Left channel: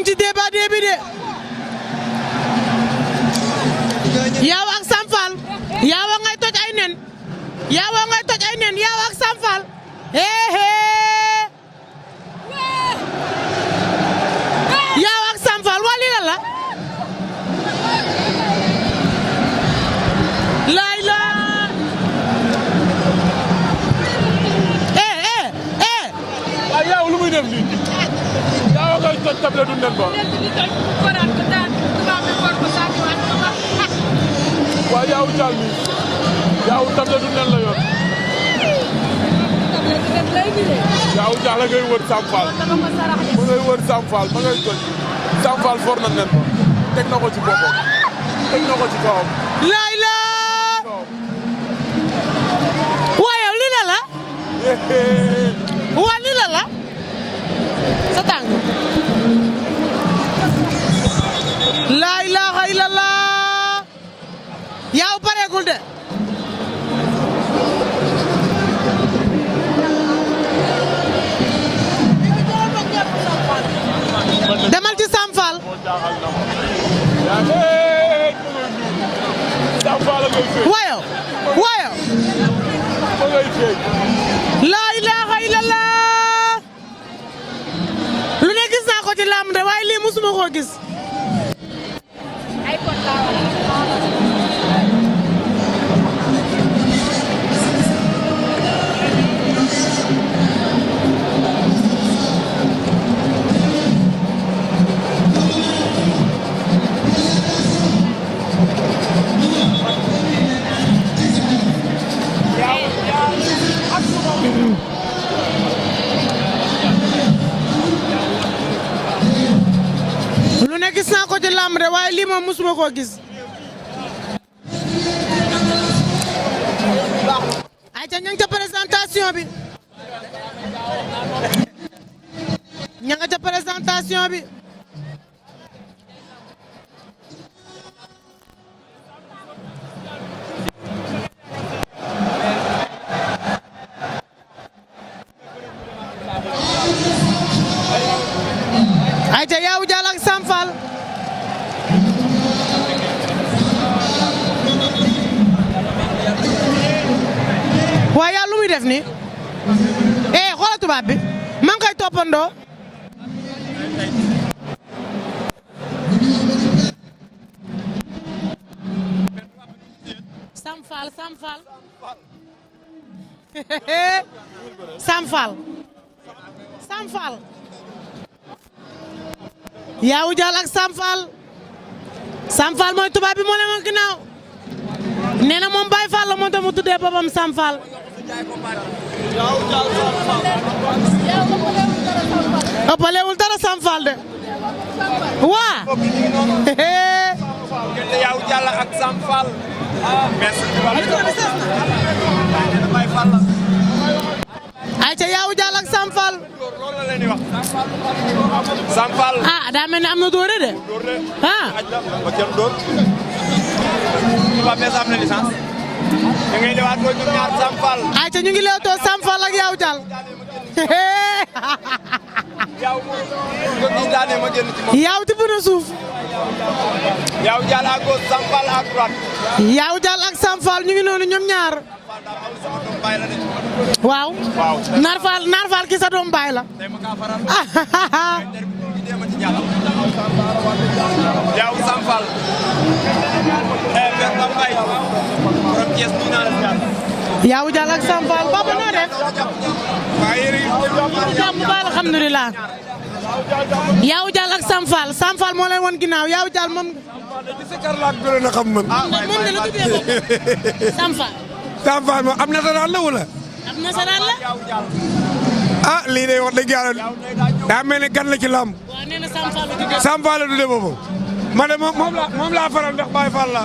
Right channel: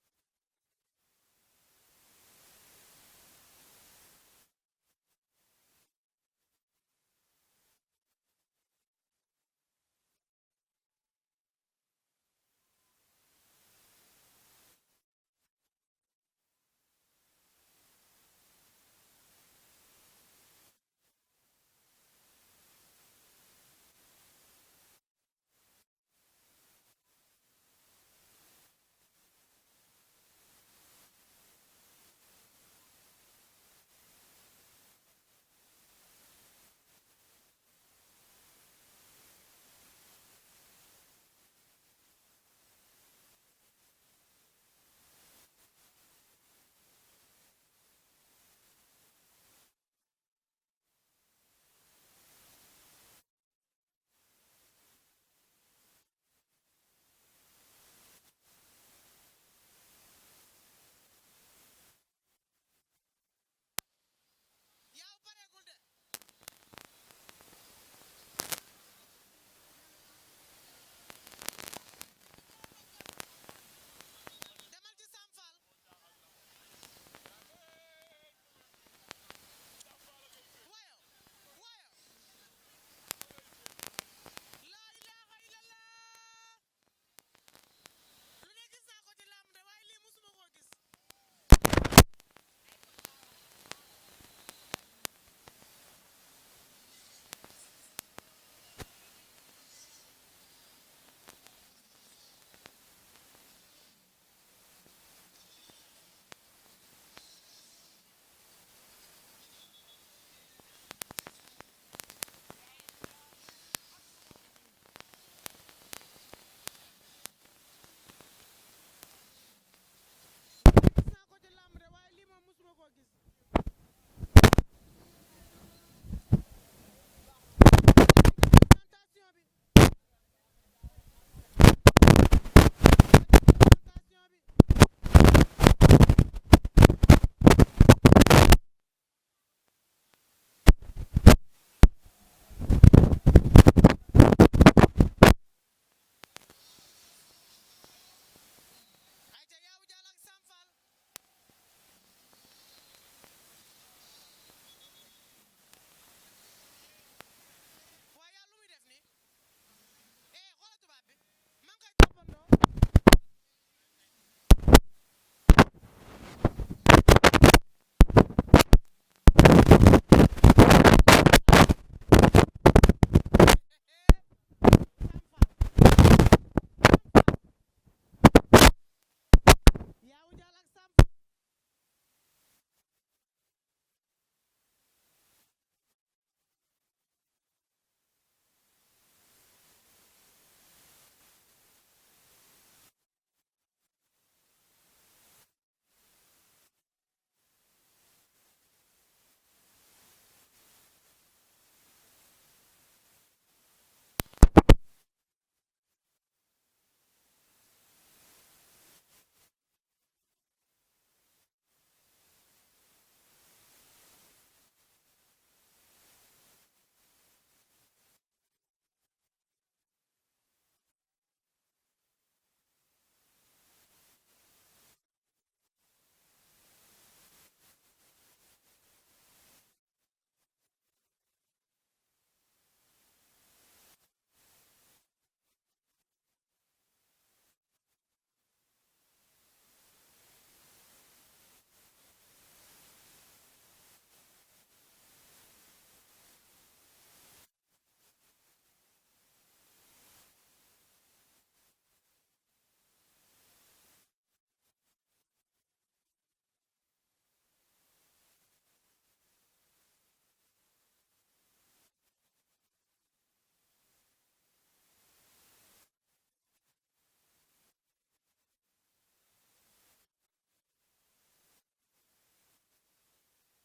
ngi ci débat bi de Yaaw ak Sam Fall Yaaw ngay toj ay nen Yaaw ngay toj ay nen Yaaw ak Sam Fall Yaaw ak Sam Fall waa lii la laay la waaw Yaaw lu muy def nii Yaaw ngay toj table du nen ba waaw Yaaw Dial mi Yaaw table du nen la yor Yaaw Dial la ngay wër Sam Fall ma ngay wër Sam Fall ma ngay toj Sam Fall for na nen ba teg na ko ci boppam teg na ko ci kawam laay la waaye lii la waa lii la sa tànk laa ilaaha illallah Yaaw pareegul de demal ci Sam Fall waayo laa ilaaha illallah lu ne gis naa ko ci làmb de waaye lii musuma koo gis lu ne gis naa ko ci làmb de waaye lii moom musuma koo gis ayca ña nga ca présentation bi ña nga ca présentation bi ayca Yaaw Dial ak Sam Fall waaye yaa lu muy def nii xoolal tubaab bi maa ngi koy toppandoo Sam Fall Yaaw Dial ak Sam Fall mooy tubaab bi moo leen woon ginnaaw nee na moom Baye Fall la moo tax mu tuddee boppam Sam Fall ëppalewul dara Sam Fall de waa Yaaw Dial ak Sam Fall ayca Yaaw Dial ak Sam Fall Sam Fall daa mel ni am na doore de ba kenn door ba mes am na licence da ngay lewaat ko ñoom ñaar Sam Fall ayca ñu ngi leewtoo Sam Fall ak Yaaw Dial Yaaw tibb na suuf Yaaw Dial à gauche Sam Fall à droite Yaaw Dial ak Sam Fall ñu ngi noonu ñoom ñaar waaw Naar Fall ki sa doom baay la Yaaw Sam Fall Yaaw Dial ak Sam Fall papa noo def jàmm baal alhamdulilah Yaaw Dial ak Sam Fall moo leen woon ginnaaw Yaaw Dial moom moom de la tuddee bopp Sam Fall moom am nasaraan la wala am nasaraan la lii de wax dëgg yàlla daa mel ni gan la ci lamb waaw nee na Sam Fall la tuddee Sam Fall la tuddee boppam ma de moom laa faral ndax Baye Fall la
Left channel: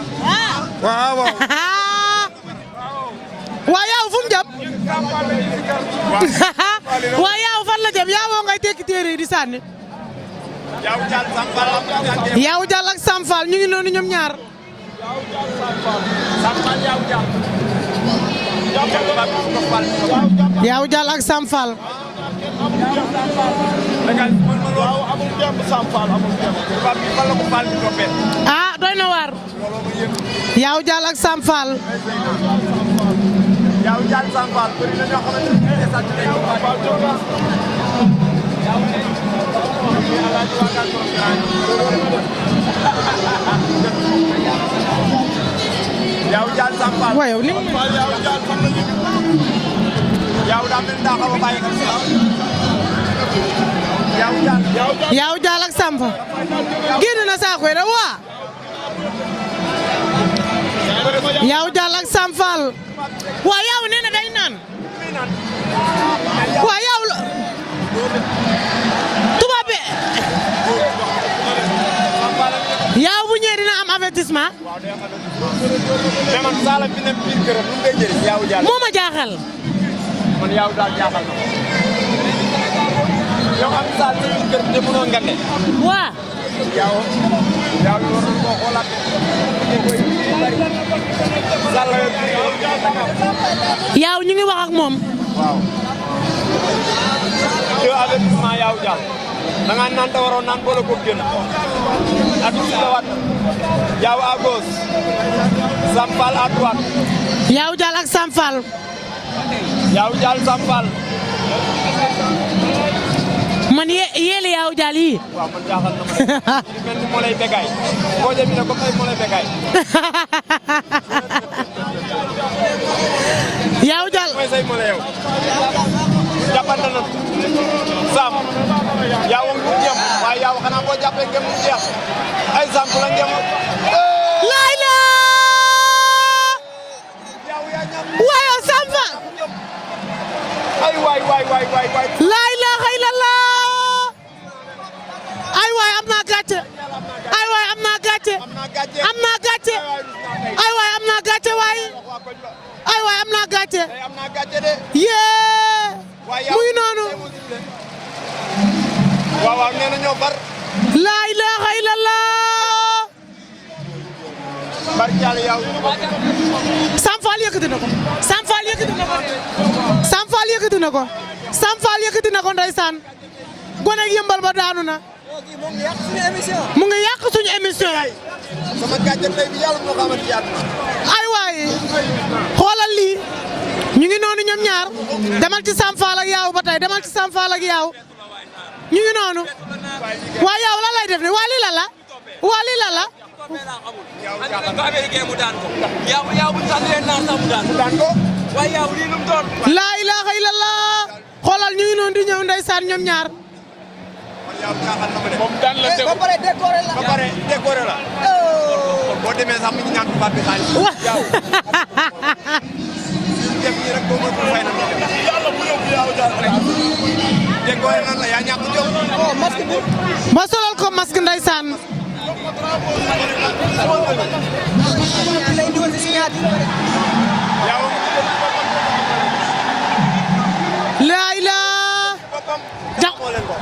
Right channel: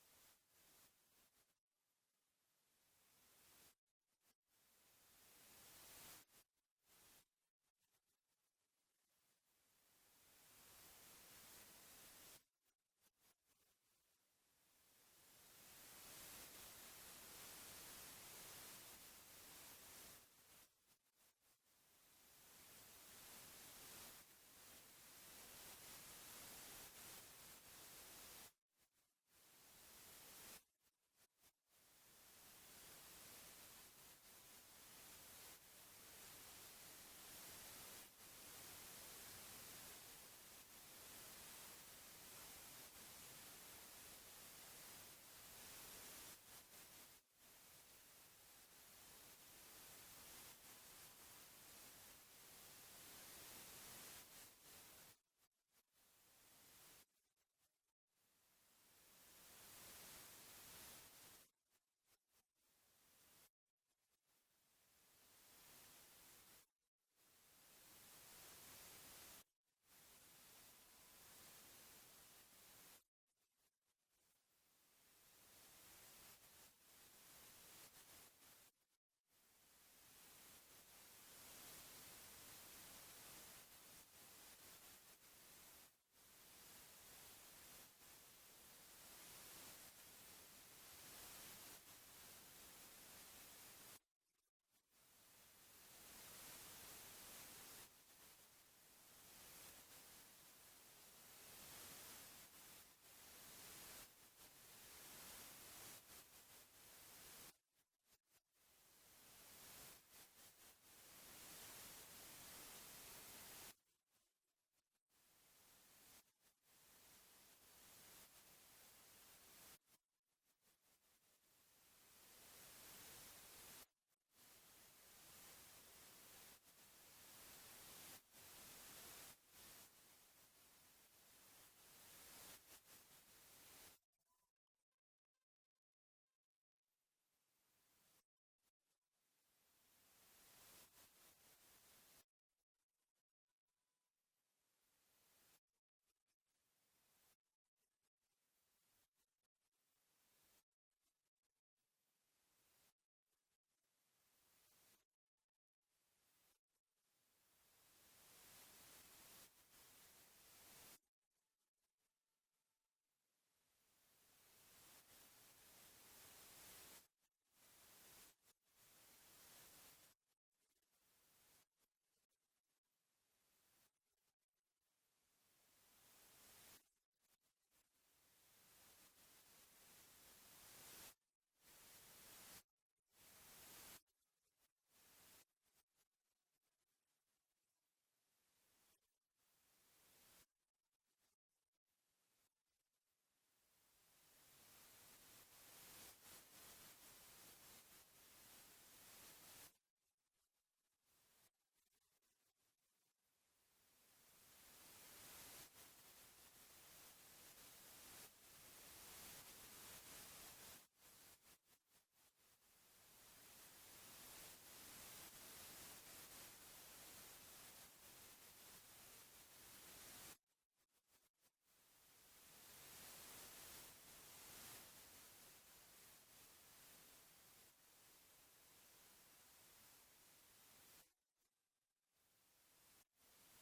waaw waa Yaaw fu mu jëm waa Yaaw fan la jëm Yaaw ngay tekki téere yi di sànni Yaaw Dial ak Sam Fall ñu ngi noonu ñoom ñaar Yaaw Dial ak Sam Fall waaw amul jàmm Sam Fall amul jàmm. ah doy na waar. Yawou Dial ak Sam Fall. Yawou Dial Sam Fall bëri na ñoo xamante ne Yawou Dial Sam Fall. waaw yow ni mu. Yawou Dial fan la ñu. Yawou daa mel daa xaw a bàyyi xel si Yawou Dial ak Sam Fall. génn na saako yi rek waa. Yawou Dial ak Sam Fall. waa Yawou nee na day naan. waa Yawou la. tubaab bi. Yawou bu ñëwee dina am avertissement. mais man Sala bi nekk biir këram lu mu koy jëriñ Yawou Dial. moo ma jaaxal. man Yawou Dial jaaxal na ma. yow am Sala sa biir kër te mënoo ngande. waa. Yawou war nañu koo xoolaat. Yawou ñu ngi wax ak moom. waaw. deux avertissement Yawou Dial. da ngaa naan te waroon naan boole ko génn. ak si la waat. Yawou à gauche. Sam Fall à droite. Yawou Dial ak Sam Fall. Yawou Dial Sam Fall. man yéeli Yawou Dial yi. waaw man jaaxal na ma de. mel ni moo lay bégaay. boo jëmee ne comme ay moo lay bégaay. Yawou Dial. mooy say moo la yow. jàppante na Sam. Yawou ngu jëm waaye Yawou xanaa boo jàppee ngeen mu jeex. ay Sam la ngeen. laay la. Yawou yaa ñam. waaye Sam Fall. ay waay. laa ilaaha illallah. ay waay am naa gàcce. ay waay am naa gàcce. am naa gàcce. ay waay am naa gàcce waay. ay waay am naa gàcce. yee. muy noonu. waaw nee na ñoo bar. laa ilaaha illallah. barke Yàlla Yawou. Sam Fall yëkkati na ko. Sam Fall yëkkati na ko. Sam Fall yëkkati na ko. Sam Fall yëkkati na ko ndeysaan. gone ak yëmbal ba daanu na. mu ngi yàq suñu émission. sama gàcce tey bi Yàlla moo xamante yàlla. ay waay xoolal lii ñu ngi noonu ñoom ñaar demal ci Sam Fall ak Yawou ba tey demal ci Sam Fall ak Yawou ñu ngi noonu waa Yawou lan lay def ni waa lii la la waa lii la la. laa ilaaha illallah xoolal ñu ngi noonu di ñëw ndeysaan ñoom ñaar. moom daan la déglu ba pare décoré la. boo demee sax mi ngi ñaan tubaab bi xaalis. Yawou. def nii rek boo mën ko fay na Yàlla bu yóbbu Yawou Dial décoré nan la yaa ñàkk jóg. masque bi. ba solal ko masque ndeysaan. laa ilaa.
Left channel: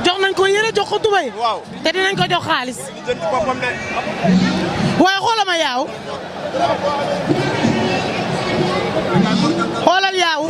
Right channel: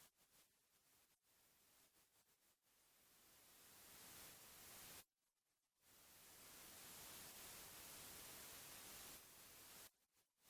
jox nañ ko yére jox ko tubay. waaw te dinañ ko jox xaalis. jënd boppam de. waaye xoolal ma Yawou. xoolal Yawou.